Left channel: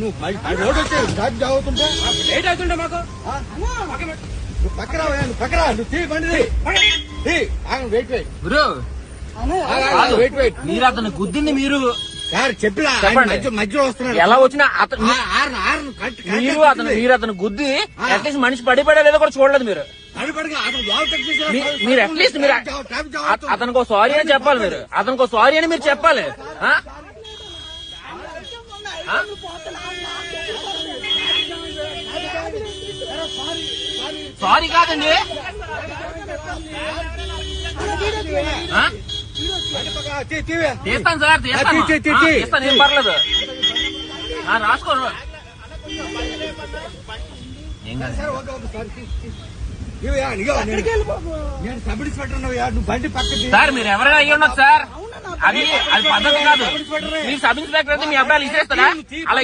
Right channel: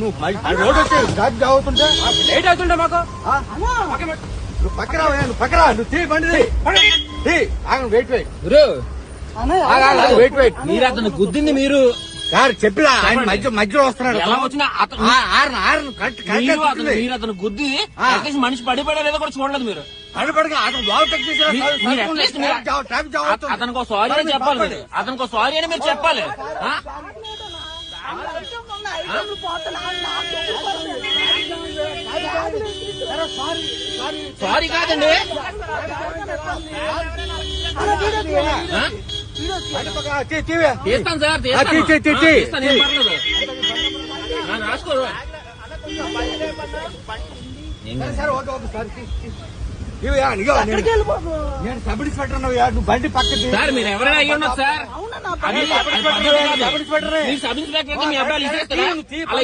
నువ్వు రోడ్ వచ్చి దాటి జాగుతుంటే లేట్ అవుతుండే మాకు. నువ్వు పక్కరా నువ్వు పక్కరా నువ్వు తీ బండి వెయిట్ వెయిట్ గురు వెయిట్ వెయిట్ మీరు అతను గుద్దింది మీరు సార్ చెప్పిలా మధ్యలో వస్తున్నాడు. ఎలా వచ్చినా అతను మీరు అతను గుద్ది అట్లీస్ట్ మనిషి పడిపడలేదో కూడా చూడలేదు మీరు. మీరు అట్లీస్ట్ మీరు అతనికి సారీ అని చెప్పాలి. మీరు అతనికి సారీ అని మీరు చెప్పాలి. సారీ కాదండి, తీస్తాను సార్, తీస్తాను, ఏం పర్లేదు. రాసుకోరు నేను సబ్ ఇన్స్పెక్టర్ నువ్వు బండి పక్కకి సార్. మీరు ఎవరైనా అయ్యి ఉన్నారు సార్, అది పద్ధతి కాదు. మీకు సబ్ ఇన్స్పెక్టర్ అయితే మీ అబ్బాయిలు ఇచ్చేస్తారా? అలా